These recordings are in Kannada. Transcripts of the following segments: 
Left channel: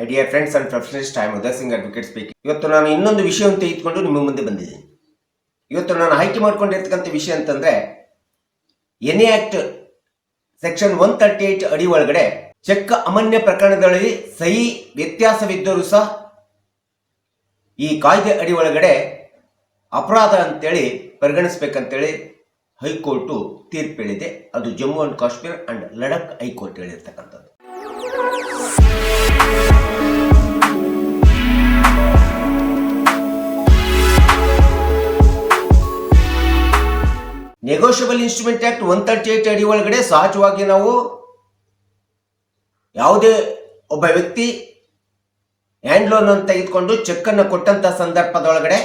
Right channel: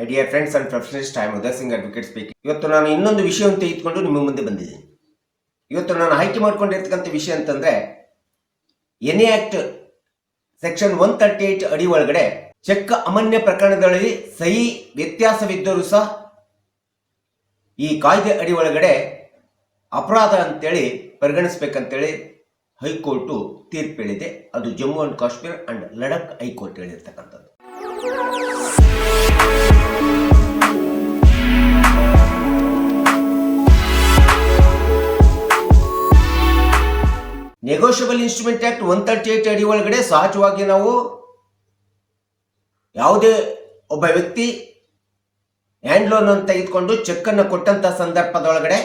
My dear friends and professionalist, I am Uday Singh, advocate speaking. ಇವತ್ತು ನಾನು ಇನ್ನೊಂದು ವಿಷಯವನ್ನು ತೆಗೆದುಕೊಂಡು ನಿಮ್ಮ ಮುಂದೆ ಬಂದಿದ್ದೇನೆ. ಇವತ್ತು ನಾನು ಆಯ್ಕೆ ಮಾಡ್ಕೊಂಡಿರ್ತಕ್ಕಂಥ ವಿಷಯ ಅಂತಂದ್ರೆ ಎನಿ ಆಕ್ಟ್ ಸೆಕ್ಷನ್ 138 ಅಡಿ ಒಳಗಡೆ ಚೆಕ್ ಅಮಾನ್ಯ ಪ್ರಕರಣದಲ್ಲಿ ಸಹಿ ವ್ಯತ್ಯಾಸವಿದ್ದರೂ ಸಹ ಈ ಕಾಯ್ದೆ ಅಡಿ ಒಳಗಡೆ ಅಪರಾಧ ಅಂತೇಳಿ ಪರಿಗಣಿಸ್ಬೇಕಂತೇಳಿ ಹೈಕೋರ್ಟ್ ತೀರ್ಪು ಹೇಳಿದೆ. ಅದು Jammu and Kashmir and Ladakh high court ಹೇಳಿರ್ತಕ್ಕಂಥದ್ದು. ನೆಗೋಷಿಯಬಲ್ ಇನ್ಸ್ಟ್ರೂಮೆಂಟ್ ಆಕ್ಟ್ 138 ಅಡಿ ಒಳಗಡೆ ಸಹಜವಾಗಿ ನಾವು ಯಾವುದೇ ಒಬ್ಬ ವ್ಯಕ್ತಿ ಹ್ಯಾಂಡ್ ಲೋನ್ ಅಂತ ತೆಗೆದುಕೊಂಡು ಚೆಕ್ ಅನ್ನು ಕೊಟ್ಟಂತ ಸಂದರ್ಭದೊಳಗಡೆ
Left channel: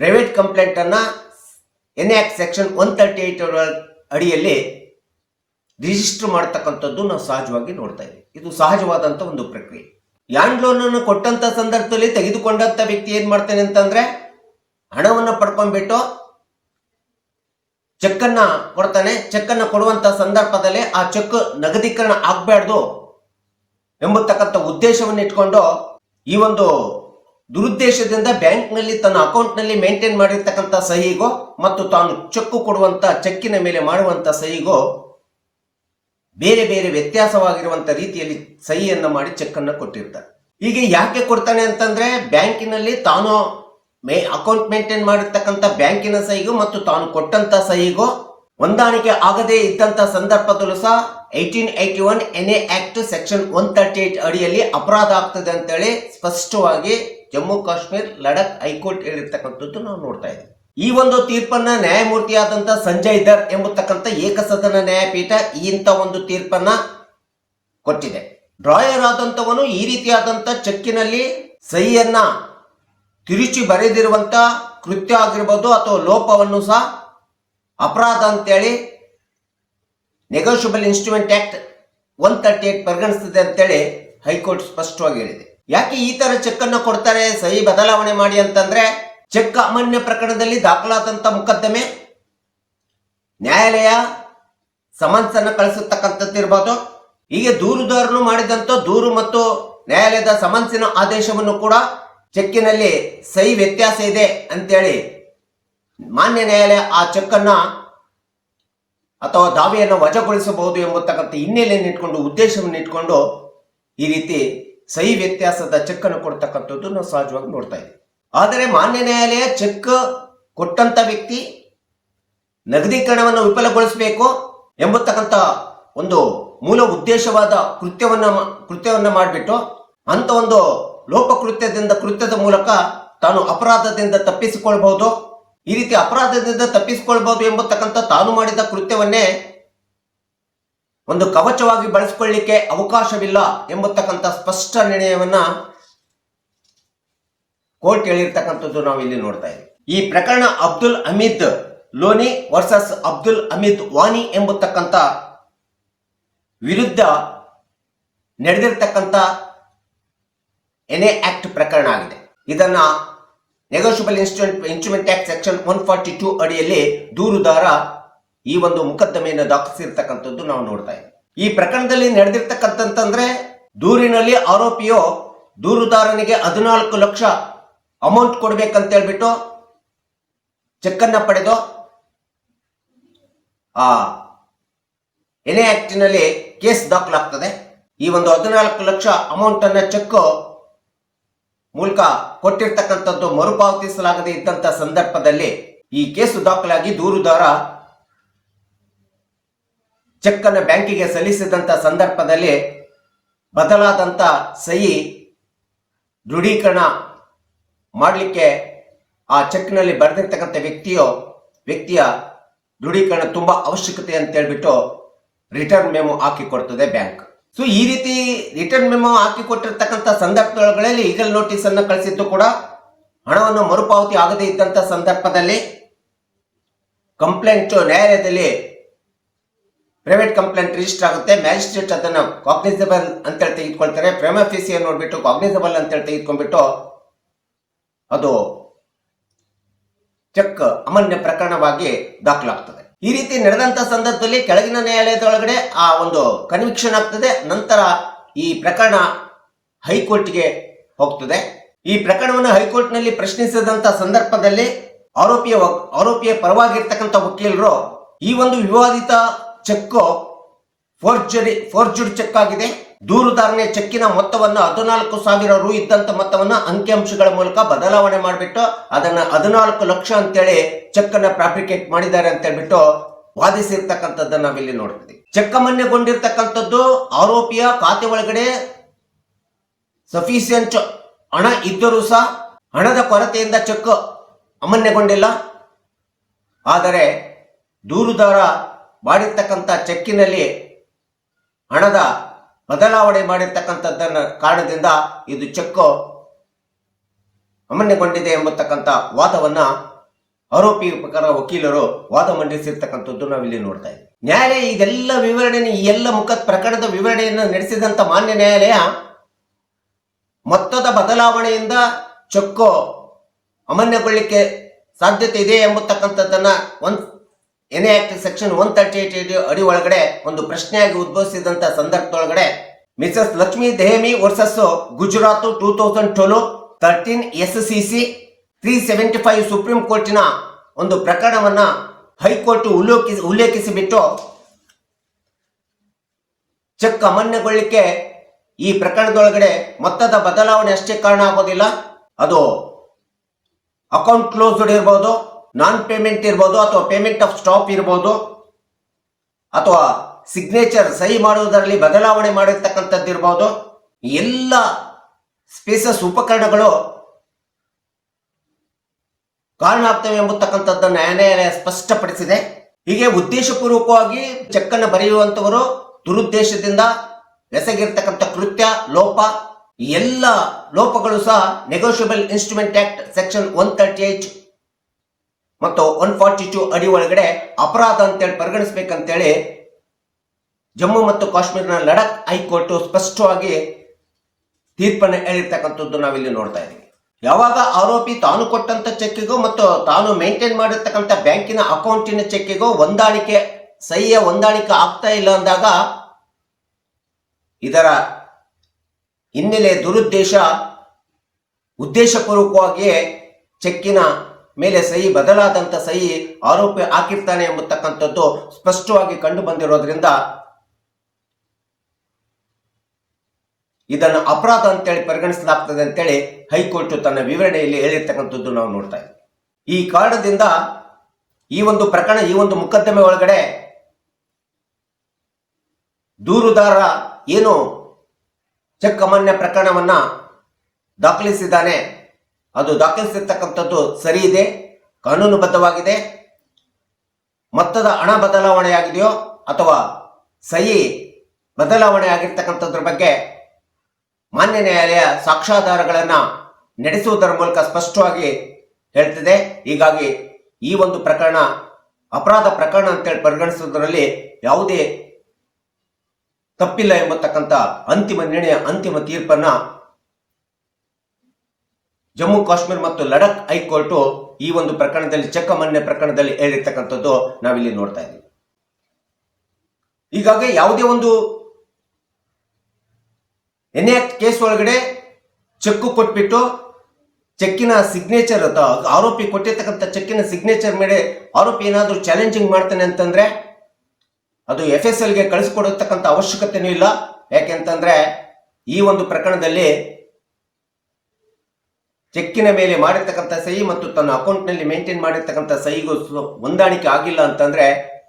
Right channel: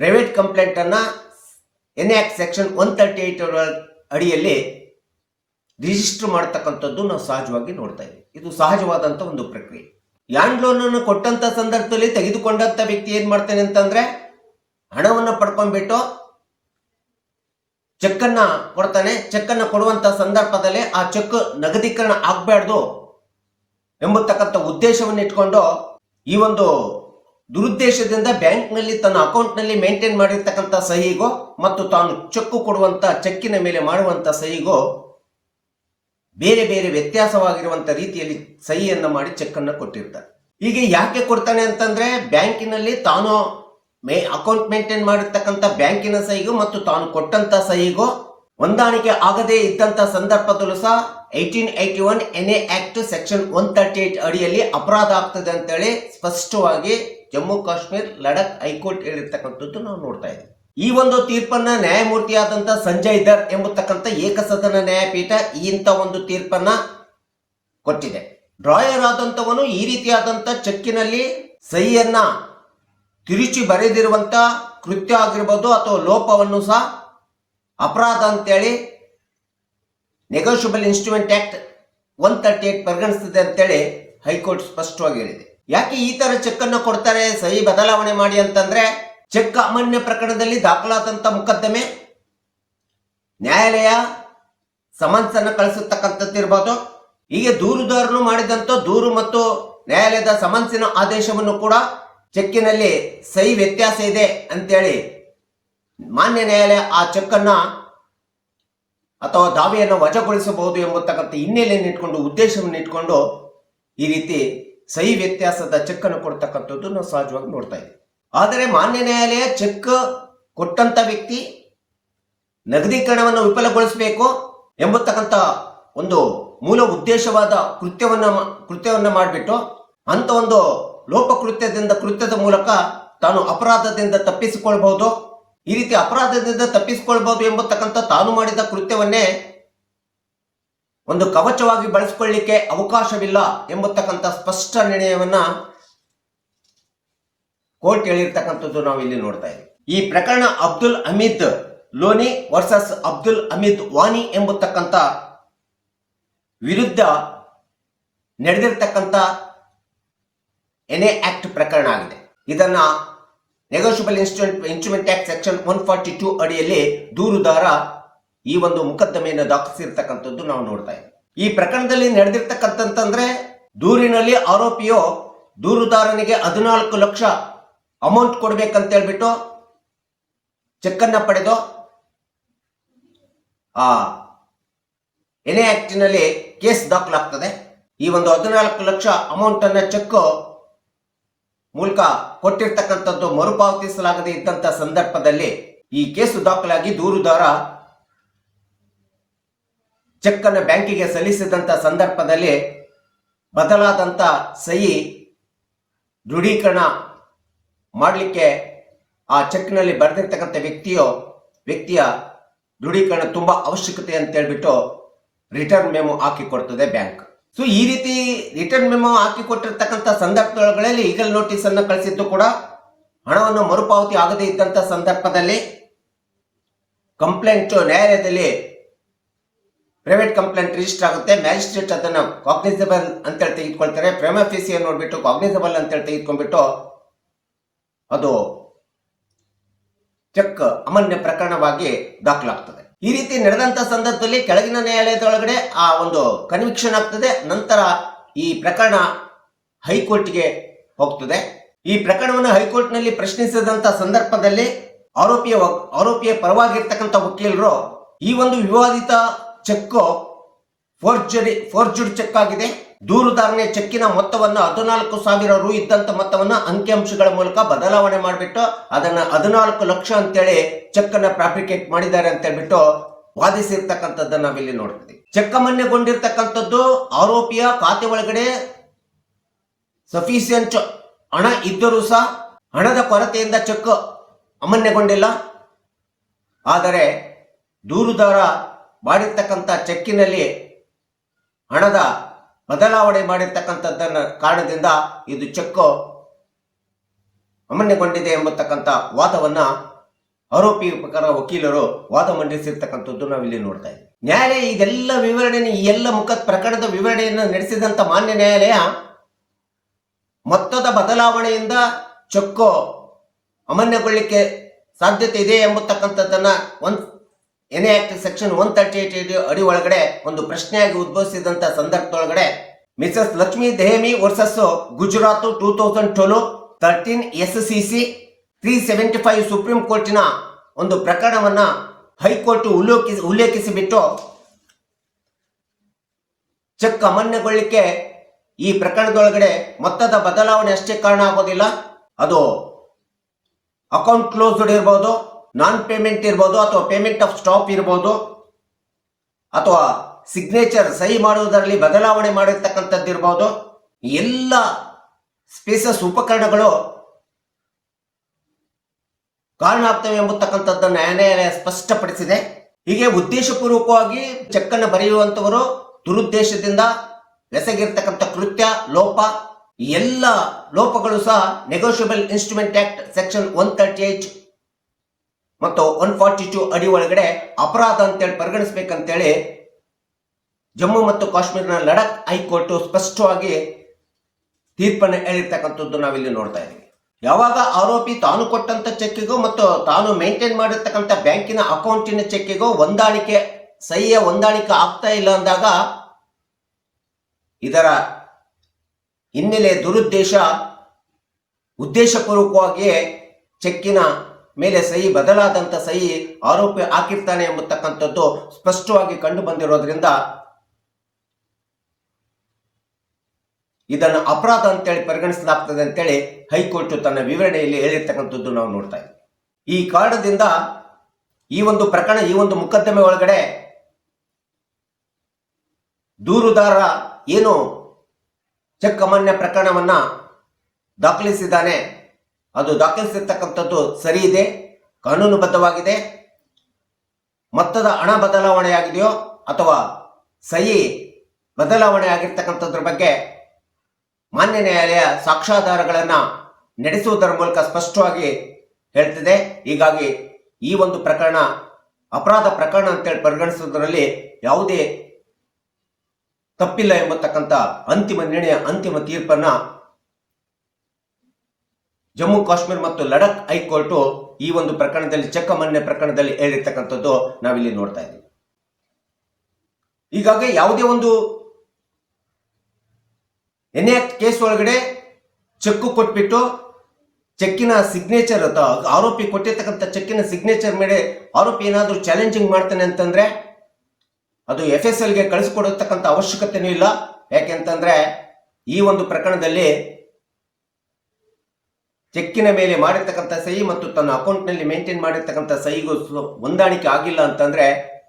ಪ್ರೈವೇಟ್ ಕಂಪ್ಲೇಂಟ್ ಅನ್ನ ಎನ್ ಆಕ್ಟ್ ಸೆಕ್ಷನ್ 138 ಅಡಿಯಲ್ಲಿ ರಿಜಿಸ್ಟರ್ ಮಾಡತಕ್ಕಂಥದ್ದು ನಾವು ಸಹಜವಾಗಿ ನೋಡ್ತಾ ಇದ್ದೀವಿ. ಇದು ಸಹಜವಾದಂತ ಒಂದು ಪ್ರಕ್ರಿಯೆ. ಹ್ಯಾಂಡ್ ಲೋನ್ ಅನ್ನು ಕೊಟ್ಟಂತ ಸಂದರ್ಭದಲ್ಲಿ ತೆಗೆದುಕೊಂಡಂತ ವ್ಯಕ್ತಿ ಏನ್ ಮಾಡ್ತೇನೆ ಅಂತಂದ್ರೆ ಹಣವನ್ನು ಪಡ್ಕೊಂಡ್ಬಿಟ್ಟು ಚೆಕ್ ಅನ್ನ ಕೊಡ್ತಾನೆ. ಚೆಕ್ ಅನ್ನು ಕೊಡುವಂತ ಸಂದರ್ಭದಲ್ಲಿ ಆ ಚೆಕ್ ನಗದೀಕರಣ ಆಗ್ಬಾರ್ದು ಎಂಬತಕ್ಕಂಥ ಉದ್ದೇಶವನ್ನು ಇಟ್ಕೊಂಡು ಈ ಒಂದು ದುರುದ್ದೇಶದಿಂದ ಬ್ಯಾಂಕ್ ನಲ್ಲಿ ತನ್ನ ಅಕೌಂಟ್ ನಲ್ಲಿ ಮೇಂಟೈನ್ ಮಾಡಿರ್ತಕ್ಕಂಥ ಸಹಿಗೂ ಮತ್ತು ತಾನು ಚೆಕ್ ಕೊಡುವಂತ ಚೆಕ್ಕಿನ ಮೇಲೆ ಮಾಡುವಂತ ಸಹಿಗೂ ಬೇರೆ ಬೇರೆ ವ್ಯತ್ಯಾಸವಾಗಿರುವಂತ ರೀತಿಯಲ್ಲಿ ಸಹಿಯನ್ನ ಮಾಡಿ ಚೆಕ್ ಅನ್ನ ಕೊಟ್ಟಿರ್ತಾನೆ. ಹೀಗೆ ಯಾಕೆ ಕೊಡ್ತಾನೆ ಅಂತಂದ್ರೆ ಬ್ಯಾಂಕಿನಲ್ಲಿ ತಾನು ಅಕೌಂಟ್ ಮೇಂಟೈನ್ ಮಾಡಿರ್ತಕ್ಕಂಥ ಬ್ಯಾಂಕಿನ ಸಹಿಗೂ ಮತ್ತು ತಾನು ಕೊಟ್ಟಂತ ಸಹಿಗೂ ಹೊಂದಾಣಿಕೆ ಆಗದೇ ಇದ್ದಂತ ಸಂದರ್ಭದಲ್ಲೂ ಸಹ 1881 ಎನ್ಎ ಆಕ್ಟ್ ಸೆಕ್ಷನ್ 138 ಅಡಿಯಲ್ಲಿ ಅಪರಾಧ ಆಗ್ತದೆ ಅಂತೇಳಿ ಸ್ಪಷ್ಟವಾಗಿ ಜಮ್ಮು ಕಾಶ್ಮೀರ್ ಲಡಾಖ್ ಹೈಕೋರ್ಟ್ ಹೇಳಿರ್ತಕ್ಕಂಥದ್ದು ನಾವು ನೋಡ್ತಾ ಇದ್ದೀವಿ. ಈ ಒಂದು ತೀರ್ಪನ್ನ ನ್ಯಾಯಮೂರ್ತಿಯಾದಂತ ಸಂಜಯ್ ದರ್ ಎಂಬತಕ್ಕಂಥ ಏಕಸದನ ನ್ಯಾಯಪೀಠ ಇಂಥ ಒಂದು ತೀರ್ಪನ್ನ ಕೊಟ್ಟಿದೆ. ಡ್ರಾಯರ್ ಆದಂತವನು ಈ ರೀತಿಯಾದಂತ ಚೆಕ್ಕಿನಲ್ಲಿ ಸಹಿಯನ್ನ ತಿರುಚಿ ಬರೆದಿರುವಂತ ಕೃತ್ಯ ಆಗಿರ್ಬೋದು ಅಥವಾ ಲೋಪವನ್ನು ಸಹ ಅಪರಾಧ ಅಂತೇಳಿ ನೆಗೋಷಿಯಬಲ್ ಇನ್ಸ್ಟ್ರೂಮೆಂಟ್ ಆಕ್ಟ್ 138 ಪರಿಗಣಿಸುತ್ತದೆ ಅಂತೇಳಿ ಹೈಕೋರ್ಟ್ ಸ್ಪಷ್ಟವಾಗಿ ಹೇಳಿದೆ. ಯಾಕೆ ಈ ತರ ಚೆಕ್ ಅನ್ನು ಕೊಡ್ತಾರೆ ಸಹಿ ಬದಲಾವಣೆ ಮಾಡಿ ಅಂತಂದ್ರೆ ಚೆಕ್ ಅಮಾನ್ಯ ಪ್ರಕರಣದಲ್ಲಿ ದಾಖಲಾದಂತ ಮೊಕದ್ದಮೆ ನ್ಯಾಯಾಲಯ ಸಮನ್ಸ್ ಅನ್ನು ಕಳಿಸತಕ್ಕಂಥದ್ದು ಇರ್ಬೋದು. ಹೀಗೆ ದೂರುದಾರನು ಮಾಡಿದಂತ ದೂರು ಮತ್ತು ನ್ಯಾಯಾಲಯದ ಸಮನ್ಸಿನ ಆದೇಶವನ್ನು ಕೂಡ ಚೆಕ್ಕಿನಲ್ಲಿ ಸಹಿ ವ್ಯತ್ಯಾಸ ಇದೆ ಅಂತೇಳಿ ಮಾನ್ಯ ನ್ಯಾಯಾಲಯ ಆ ಚೆಕ್ ಅನ್ನ ಅಥವಾ ದಾವೆಯನ್ನು ವಜಾಗೊಳಿಸಬಹುದು ಎಂಬತಕ್ಕಂಥ ಹಿನ್ನೆಲೆಯನ್ನು ಇಟ್ಕೊಂಡು ಉದ್ದೇಶವನ್ನು ಇಟ್ಕೊಂಡು ಈ ರೀತಿ ಸಹಿ ವ್ಯತ್ಯಾಸದ ಚೆಕ್ ಅನ್ನು ಕೊಡ್ತಕ್ಕಂಥದ್ದು ನಾವು ಸಹಜವಾಗಿ ನೋಡ್ತಾ ಇದ್ದೀವಿ. ಆದರೆ ಮಾನ್ಯ ನ್ಯಾಯಾಲಯ ಚೆಕ್ ಕೊಟ್ಟಂತ ವ್ಯಕ್ತಿ ನಗದೀಕರಣವನ್ನು ವಿಫಲಗೊಳಿಸಬೇಕು ಎಂಬತಕ್ಕಂಥ ಒಂದು ಮೂಲ ಉದ್ದೇಶವಾದ ಕೃತ್ಯವನ್ನ ಮಾಡಿಬಿಟ್ಟು ಅಂತ ಒಂದು ಕೃತ್ಯದ ಮೂಲಕ ತಾನು ಅಪರಾಧದಿಂದ ತಪ್ಪಿಸಿಕೊಳ್ಬಹುದು. ಈ ರೀತಿ ಅಪರಾಧದಿಂದ ತಪ್ಪಿಸಿಕೊಳ್ಬಹುದು ಎಂಬತಕ್ಕಂಥ ತಾನು ಮಾಡಿದ ಕೃತ್ಯವನ್ನೇ ಒಂದು ಕವಚವಾಗಿ ಬಳಸಿಕೊಳ್ಳಿಕ್ಕೆ ಅವಕಾಶವಿಲ್ಲ ಎಂಬತಕ್ಕಂಥ ಸ್ಪಷ್ಟ ನಿರ್ಣಯವನ್ನ ಕೋರ್ಟ್ ಹೇಳಿರ್ತಕ್ಕಂಥದ್ದು ನಾವು ಇಲ್ಲಿ ನೋಡ್ತಾ ಇದ್ದೀವಿ. ಈ ಪ್ರಕರಣ ಅಬ್ದುಲ್ ಹಮೀದ್ ಲೋನಿ ವರ್ಸಸ್ ಅಬ್ದುಲ್ ಹಮೀದ್ ವಾನಿ ಎಂಬತಕ್ಕಂಥ ವಿರುದ್ಧ ನಡೆದಿರ್ತಕ್ಕಂಥ ಎನ್ಎ ಆಕ್ಟ್ ಪ್ರಕರಣ ಆಗಿದೆ. ಇದನ್ನ ನೆಗೋಷಿಯಬಲ್ ಇನ್ಸ್ಟ್ರೂಮೆಂಟ್ ಆಕ್ಟ್ ಸೆಕ್ಷನ್ 142 ಅಡಿಯಲ್ಲಿ ದೂರುದಾರ ಈ ಒಂದು ಮೊಕದ್ದಮೆಯನ್ನು ದಾಖಲಿಸಿರ್ತಕ್ಕಂಥದ್ದು ನಾವು ನೋಡ್ತಾ ಇದ್ದೀವಿ. ಈ ಪ್ರಕರಣದಲ್ಲಿ ನಡೆದಿರ್ತಕ್ಕಂಥಂದ್ರೆ ದೂರಿನಲ್ಲಿ ಆರೋಪಿಯು ದೂರುದಾರನಿಗೆ 14 ಲಕ್ಷ ಅಮೌಂಟ್ ಕೊಡ್ಬೇಕಂತ ಹೇಳ್ಬಿಟ್ಟು ಚೆಕ್ ಅನ್ನ ಪಡೆದು ಎನ್ಎ ಆಕ್ಟಿನಲ್ಲಿ ಕೇಸ್ ದಾಖಲಾಗ್ತದೆ. ಈ ಒಂದು 14 ಲಕ್ಷ ಅಮೌಂಟ್ ಅನ್ನ ಚೆಕ್ ಮೂಲಕ ಕೊಟ್ಟಿರ್ತಕ್ಕಂಥದ್ದು ಮರುಪಾವತಿಸಲಾಗದೆ ಇದ್ದಂತ ಸಂದರ್ಭದಲ್ಲಿ ಈ ಕೇಸು ದಾಖಲಾಗಿ ದೂರುದಾರ ಚೆಕ್ ಅನ್ನು ಬ್ಯಾಂಕಿಗೆ ಸಲ್ಲಿಸಿದಂತ ಸಂದರ್ಭದಲ್ಲಿ ಬದಲಾದಂತ ಸಹಿ ದೃಢೀಕರಣ ಮಾಡಲಿಕ್ಕೆ ಆ ಚೆಕ್ ನಲ್ಲಿ ಬರೆದಿರ್ತಕ್ಕಂಥ ವ್ಯಕ್ತಿಯ ದೃಢೀಕರಣ ತುಂಬಾ ಅವಶ್ಯಕತೆ ಅಂತ ಹೇಳ್ಬಿಟ್ಟು ರಿಟರ್ನ್ ಮೆಮೊ ಹಾಕಿ ಕೊಡ್ತದೆ ಬ್ಯಾಂಕ್. ಸೊ ಈ ರೀತಿ ರಿಟರ್ನ್ ಮೆಮೊ ಹಾಕಿ ಕೊಟ್ಟಿರ್ತಕ್ಕಂಥ ಸಂದರ್ಭಗಳಲ್ಲಿ ಲೀಗಲ್ ನೋಟಿಸ್ ಅನ್ನ ಕಳಿಸಿದ್ದು ಕೂಡ ಹಣವನ್ನು ಮರುಪಾವತಿ ಆಗದೇ ಇದ್ದಂತ ಸಂದರ್ಭದಲ್ಲಿ ಕಂಪ್ಲೇಂಟ್ ನ್ಯಾಯಾಲಯದಲ್ಲಿ ಪ್ರೈವೇಟ್ ಕಂಪ್ಲೇಂಟ್ ರಿಜಿಸ್ಟರ್ ಆಗುತ್ತೆ. ಮ್ಯಾಜಿಸ್ಟ್ರೇಟ್ ಅದನ್ನು ಕಾಗ್ನಿಸಬಲ್ ಅಂತೇಳಿ ತೆಗೆದುಕೊಳ್ತಾರೆ. ಪ್ರೇಮ ಫೇಸಿಯನ್ನು ನೋಡ್ಬಿಟ್ಟು ಕಾಗ್ನಿಸಬಲ್ ಅಂತೇಳಿ ತೆಗೆದುಕೊಂಡ್ಬಿಟ್ಟು ಅದು ಚೆಕ್ ಅಮಾನ್ಯ ಪ್ರಕರಣವಾಗಿ ದಾಖಲಾಗ್ತದೆ. ಈ ರೀತಿ ನಡೆದಂತ ಸಂದರ್ಭದಲ್ಲಿ ಕೆಳಗಿನ ನ್ಯಾಯಾಲಯದ ಒಳಗಡೆ ಆ ಒಂದು ಕನ್ವಿಕ್ಷನ್ ಆಗ್ತದೆ. ನಂತರ ಈ ಪ್ರಕರಣ ಹೈಕೋರ್ಟ್ಗೆ ಹೋಗ್ತದೆ. ಈ ಪ್ರಕರಣವನ್ನು ಹೈಕೋರ್ಟ್ನಲ್ಲಿ ಪ್ರಶ್ನಿಸಿದಂತ ಸಂದರ್ಭದಲ್ಲಿ ಆರೋಪಿಯ ಪರವಾಗಿರ್ತಕ್ಕಂಥ ವಕೀಲರು ಈ ಒಂದು ವಿವಾದಿತ ಚೆಕ್ ಫೋರ್ಜಡ್ ಚೆಕ್ ಆಗಿದೆ, ದೂರುದಾರನ ಚೆಕ್ಕಿನ ಮೊತ್ತವನ್ನು 14,000 ರು ಇದ್ದಂತ ಮೊತ್ತವನ್ನ ಅಂಕಿಅಂಶಗಳ ಮೂಲಕ ಬದಲಾವಣೆ ಮಾಡಿಬಿಟ್ಟು ಅದನ್ನ 14 ಲಕ್ಷ ಅಂತೇಳಿ ಚೆಕ್ ಅನ್ನ ಫ್ಯಾಬ್ರಿಕೇಟ್ ಮಾಡಿದ್ದಾರೆ ಅಂತ ಹೇಳ್ಬಿಟ್ಟು ವಾದಿಸಿರ್ತಕ್ಕಂಥದ್ದನ್ನ ನಾವಿಲ್ಲಿ ನೋಡ್ತೀವಿ. ಚೆಕ್ ಅಮಾನ್ಯಗೊಂಡಿರ್ತಕ್ಕಂಥದ್ದು ಆರೋಪಿಯ ಖಾತೆ ಒಳಗಡೆ ಸಫಿಸಿಯೆಂಟ್ ಹಣ ಇದ್ದರೂ ಸಹ ಹಣದ ಕೊರತೆಯಿಂದ ಚೆಕ್ ಅಮಾನ್ಯಗೊಂಡಿಲ್ಲ. ಆದರೆ ದೂರುದಾರ ಮಾಡಿರ್ತಕ್ಕಂಥ ಚೆಕ್ಕಿನಲ್ಲಿ ಹಣದ ಬದಲಾವಣೆ ಮಾಡಿರ್ತಕ್ಕಂಥದ್ದನ್ನ ಕಾರಣದಿಂದ ಇದು ಚೆಕ್ ಅಮಾನ್ಯಗೊಂಡಿದೆ ಎಂಬತಕ್ಕಂಥ ವಾದವನ್ನ ಆರೋಪಿ ಪ್ರಕಾರ ವಕೀಲರು ವಾದ ಮಂಡಿಸಿರ್ತಕ್ಕಂಥದ್ದು ನಾವಿಲ್ಲಿ ನೋಡ್ತಾ ಇದ್ದೀವಿ. ನ್ಯಾಯಾಲಯ ಇದೆಲ್ಲ ವಿವರಣೆ, ಈ ಎಲ್ಲ ಪ್ರಕರಣದ ವಿವರಣೆಯನ್ನು ನಡೆಸಿದಂತ ಮಾನ್ಯ ನ್ಯಾಯಾಲಯ ಮೊತ್ತದ ಬದಲಾವಣೆಯಿಂದ ಚೆಕ್ ಅಮಾನ್ಯಗೊಳ್ಳಿಕ್ಕೆ ಸಾಧ್ಯತೆ ಇದೆ ಎಂಬತಕ್ಕಂಥದ್ದನ್ನ ಎನ್ಎ ಆಕ್ಟ್ ಸೆಕ್ಷನ್ 138 ಅಡಿ ಒಳಗಡೆ ಒಂದು ಪ್ರಶ್ನೆಯಾಗಿ ಉದ್ಭವಿಸಿದಂತ ಸಂದರ್ಭದೊಳಗಡೆ Mrs Lakshmi Dahemi versus Gujarat 2012 13 SCC 375 supreme ಕೋರ್ಟಿನ ಒಂದು ಪ್ರಕರಣವನ್ನ ಹೈಕೋರ್ಟ್ ಉಲ್ಲೇಖಿಸಿಬಿಟ್ಟು ಚೆಕ್ ಅಮಾನ್ಯಗೊಳ್ಳಿಕ್ಕೆ ಈ ಪ್ರಕರಣದೊಳಗಡೆ ಮೊತ್ತದ ಬದಲಾವಣೆ ಅಷ್ಟೇ ಕಾರಣ ಆಗೋದಿಲ್ಲ, ಅದು ಅಕೌಂಟ್ ಕ್ಲೋಸ್ಡ್ ಇರಬಹುದು, ನಾನ್ ಪೇಮೆಂಟ್ ಇರಬಹುದು, ಅಥವಾ ಪೇಮೆಂಟ್ ಆಫ್ ಸ್ಟಾಪ್ ಇರಬಹುದು, ಅಥವಾ ಸಿಗ್ನೇಚರ್ ಸಹಿ ಮಾಡುವುದರಲ್ಲಿ ಬದಲಾವಣೆ ಮಾಡಿರ್ತಕ್ಕಂಥದ್ದು ಇರಬಹುದು. ಎಲ್ಲ ಸ್ಪೇಸಸ್ ಉಪಕರಣಗಳು ಕಾರಣ ಆಗ್ತವೆ ಎಂಬತಕ್ಕಂಥದ್ದನ್ನು ನ್ಯಾಯಾಲಯ ಸ್ಪಷ್ಟಪಡಿಸಿದೆ. ಹೀಗೆ ಉದ್ದೇಶಪೂರ್ವಕವಾಗಿ ಚೆಕ್ ಅನ್ನು ಬರೆಯುವಂತವರು ದುರುದ್ದೇಶದಿಂದ ಎಸಗಿರ್ತಕ್ಕಂಥ ಕೃತ್ಯ ಲೋಪ, ಎಲ್ಲ ಲೋಪಗಳು ಸಹ ನೆಗೋಷಿಯಬಲ್ ಇನ್ಸ್ಟ್ರೂಮೆಂಟ್ ಆಕ್ಟ್ ಸೆಕ್ಷನ್ 138 ಮತ್ತು 142 ಅಡಿ ಒಳಗಡೆ ಅಪರಾಧ ಅಂತೇಳಿ ಪರಿಗಣಿಸಬೇಕಂತೇಳಿ ಜಮ್ಮು ಮತ್ತು ಕಾಶ್ಮೀರದ ಲಡಾಖ್ ಹೈಕೋರ್ಟ್ ಸ್ಪಷ್ಟವಾಗಿ ತೀರ್ಪನ್ನು ಹೇಳಿರ್ತಕ್ಕಂಥದ್ದು ನಾವಿಲ್ಲಿ ನೋಡ್ತಾ ಇದ್ದೀವಿ. ಯಾವಾಗ ಆರೋಪಿ ತಾನು ಕೊಟ್ಟಂತ ಚೆಕ್ಕಿಗೂ ಮತ್ತು ತಾನು ಮೇಂಟೈನ್ ಮಾಡಿರ್ತಕ್ಕಂಥ ಬ್ಯಾಂಕಿನ ಅಕೌಂಟಿನ ಚೆಕ್ಕಿಗೂ ಸಹಿಯ ಹೊಂದಾಣಿಕೆ ಆಗ್ತಾ ಇಲ್ಲ ಅಂದಾಗ ಇದರ ಹಿನ್ನೆಲೆ ಉದ್ದೇಶಪೂರ್ವಕವಾಗಿ ಚೆಕ್ಕಿನ ಮೇಲೆ ಸಹಿ ಬದಲಾದಂತ ಸಹಿ ಆರೋಪಿ ಹಾಕಿರ್ತಾನೆ ಎಂಬತಕ್ಕಂಥದ್ದು ಸ್ಪಷ್ಟವಾಗಿ ಕಂಡು ಬಂದಿರೋದ್ರಿಂದ ಇದನ್ನು ಅಪರಾಧ ಅಂತೇಳಿ ಪರಿಗಣಿಸಲಾಗ್ತದೆ ಅಂತೇಳಿ ಹೈಕೋರ್ಟ್ ತನ್ನ ವಿವರಣೆಯಲ್ಲಿ ಹೇಳಿರ್ತಕ್ಕಂಥದ್ದು ನಾವು ನೋಡ್ತಾ ಇದ್ದೀವಿ. ಈ ಕಾರಣದಿಂದ ಈ ಒಂದು ಪ್ರಕರಣ, ಈ ಒಂದು ಮೊಕದ್ದಮೆ ಒಳಗಡೆ ದೂರುದಾರ ಏನು ಚೆಕ್ ಅಮಾನ್ಯ ಪ್ರಕರಣವನ್ನ ದಾಖಲಿಸಿದ್ದಾನೆ, ಅದು ದಾಖಲಿಸಿರ್ತಕ್ಕಂಥದ್ದು ಸರಿ ಇದೆ, ಕಾನೂನುಬದ್ಧವಾಗಿದೆ. ಮೊತ್ತದ ಹಣ ಬದಲಾವಣೆ ಆಗಿದೆಯೋ ಅಥವಾ ಸಹಿ ಬದಲಾವಣೆ ಆಗಿರ್ತಕ್ಕಂಥದ್ರ ಬಗ್ಗೆ ಮಾನ್ಯ ನ್ಯಾಯಾಲಯ ಸಾಕ್ಷ್ಯಾಧಾರಗಳನ್ನ ನಡೆಸುವುದರ ಮೂಲಕ ಸ್ಪಷ್ಟವಾಗಿ ಹೇಳ್ತಿದೆ. ಹೀಗಾಗಿ ಈ ಒಂದು ಪ್ರಕರಣ ಅಪರಾಧ ಪ್ರಕರಣ ಅಂತೇಳಿ ಪರಿಗಣಿಸುವುದರಲ್ಲಿ ಯಾವುದೇ ತಪ್ಪಿಲ್ಲ ಎಂಬತಕ್ಕಂಥ ಅಂತಿಮ ನಿರ್ಣಯ, ಅಂತಿಮ ತೀರ್ಪನ್ನ ಜಮ್ಮು ಕಾಶ್ಮೀರ ಮತ್ತು ಲಡಾಖ್ ಹೈಕೋರ್ಟ್ ಈ ಒಂದು ಪ್ರಕರಣದಲ್ಲಿ, ಚೆಕ್ ಅಮಾನ್ಯ ಪ್ರಕರಣದಲ್ಲಿ ಹೇಳಿರ್ತಕ್ಕಂಥದ್ದು ನಾವಿಲ್ಲಿ ನೋಡ್ತಾ ಇದ್ದೀವಿ. ಹೀಗಾಗಿ ಯಾವುದೇ ಒಂದು ಎನ್ಎ ಕೇಸ್ ಒಳಗಡೆ ಚೆಕ್ ಕೊಟ್ಬಿಟ್ಟು ಚೆಕ್ಕಿನ ಸಿಗ್ನೇಚರ್, ಆರೋಪಿ ಕೊಟ್ಟಿರ್ತಕ್ಕಂಥ ಚೆಕ್ಕಿನ ಸಿಗ್ನೇಚರ್ ಮೇಲೆ ಆರೋಪಿ ಏನಾದ್ರೂ ಚಾಲೆಂಜಿಂಗ್ ಮಾಡ್ತಾನೆ ಅಂತಂದ್ರೆ ಅದು FSL ಗೆ ಕಳಿಸಿಕೊಡತಕ್ಕಂಥ ಅವಶ್ಯಕತೆನೂ ಇಲ್ಲ. ಯಾಕೆಂತಂದ್ರೆ ಈ ಒಂದು ಪ್ರಕರಣದಲ್ಲಿ ಚೆಕ್ಕಿನ ಮೇಲೆ ಮಾಡಿರ್ತಕ್ಕಂಥ ಸಹಿ ಮತ್ತು ತನ್ನ ಅಕೌಂಟ್ ನಲ್ಲಿ ಮೇಂಟೈನ್ ಮಾಡಿರ್ತಕ್ಕಂಥ ಸಹಿಗೂ ಹೊಂದಾಣಿಕೆ ಆಗಿಲ್ಲ ಅಂತಂದ್ರೆ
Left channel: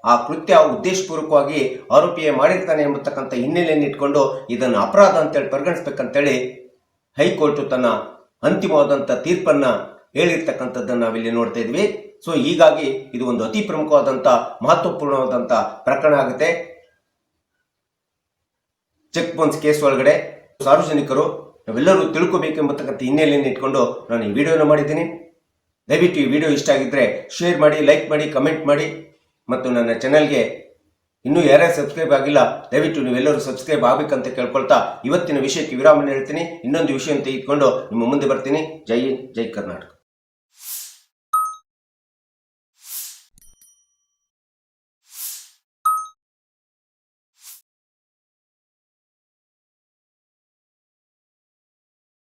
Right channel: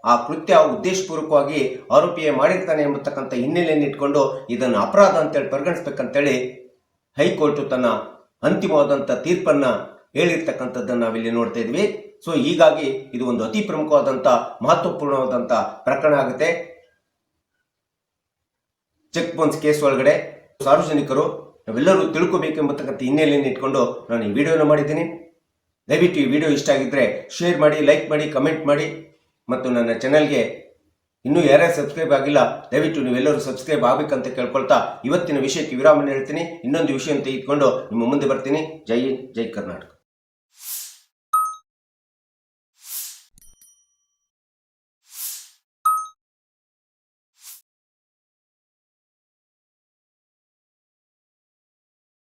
ಆ ಕೃತ್ಯ ಉದ್ದೇಶಪೂರ್ವಕವಾಗಿ ಆರೋಪಿಯೇ ಮಾಡಿರ್ತಾನೆ ಎಂಬತಕ್ಕಂಥ ಹಿನ್ನೆಲೆಯನ್ನು ಇಟ್ಕೊಂಡು ಇದನ್ನು ಅಪರಾಧ ಅಂತೇಳಿ ಪರಿಗಣಿಸ್ಬೇಕಂತೇಳಿ ಹೈಕೋರ್ಟ್ ತನ್ನ ಅಂತಿಮವಾದಂತ ತೀರ್ಪನ್ನ ಹೇಳಿರ್ತಕ್ಕಂಥದ್ದನ್ನ ನಾವಿಲ್ಲಿ ನೋಡ್ತಾ ಇದ್ವಿ. ಸೊ ಹೀಗಾಗಿ ಇದು ಒಂದು ಅತಿ ಪ್ರಮುಖವಾದಂತ ಮಹತ್ವಪೂರ್ಣವಾದಂತ ಪ್ರಕರಣ ಆಗುತ್ತೆ. ಚೆಕ್ ಬೌನ್ಸ್ ಕೇಸ್ ಒಳಗಡೆ ಸಾರ್ವಜನಿಕರು ನಾವೆಲ್ಲರೂ ತಿಳ್ಕೋಬೇಕೆಂಬತಕ್ಕಂಥ ಹಿನ್ನೆಲೆಯನ್ನು ಇಟ್ಕೊಂಡು ನಾನು ಈ ವಿಡಿಯೋನ ಮಾಡಿದ್ದೀನಿ. ದಯವಿಟ್ಟು ಈ ವಿಡಿಯೋ ಇಷ್ಟ ಆಗಿದ್ರೆ ಶೇರ್ ಮಾಡಿ, ಲೈಕ್ ಮಾಡಿ, ಕಮೆಂಟ್ ಮಾಡಿ ಮತ್ತು ನನ್ನ ಚಾನೆಲ್ಗೆ ಇನ್ನೂ ಯಾರ್ಯಾರು ಸಬ್ಸ್ಕ್ರೈಬ್ ಆಗಿಲ್ಲ ದಯವಿಟ್ಟು ನೀವೆಲ್ಲರೂ ಸಬ್ಸ್ಕ್ರೈಬ್ ಆಗಬೇಕಂತ ಕೇಳ್ಕೊಳ್ತಾ ಇವತ್ತಿನ ವಿಷಯಕ್ಕೆ ವಿರಾಮ ಹೇಳ್ತೀನಿ. ಇನ್ನೊಂದು ವಿಷಯ ತೆಗೆದುಕೊಂಡು ನಿಮ್ಮ ಮುಂದೆ ಬರ್ತೀನಿ. ಜೈ ಕರ್ನಾಟಕ.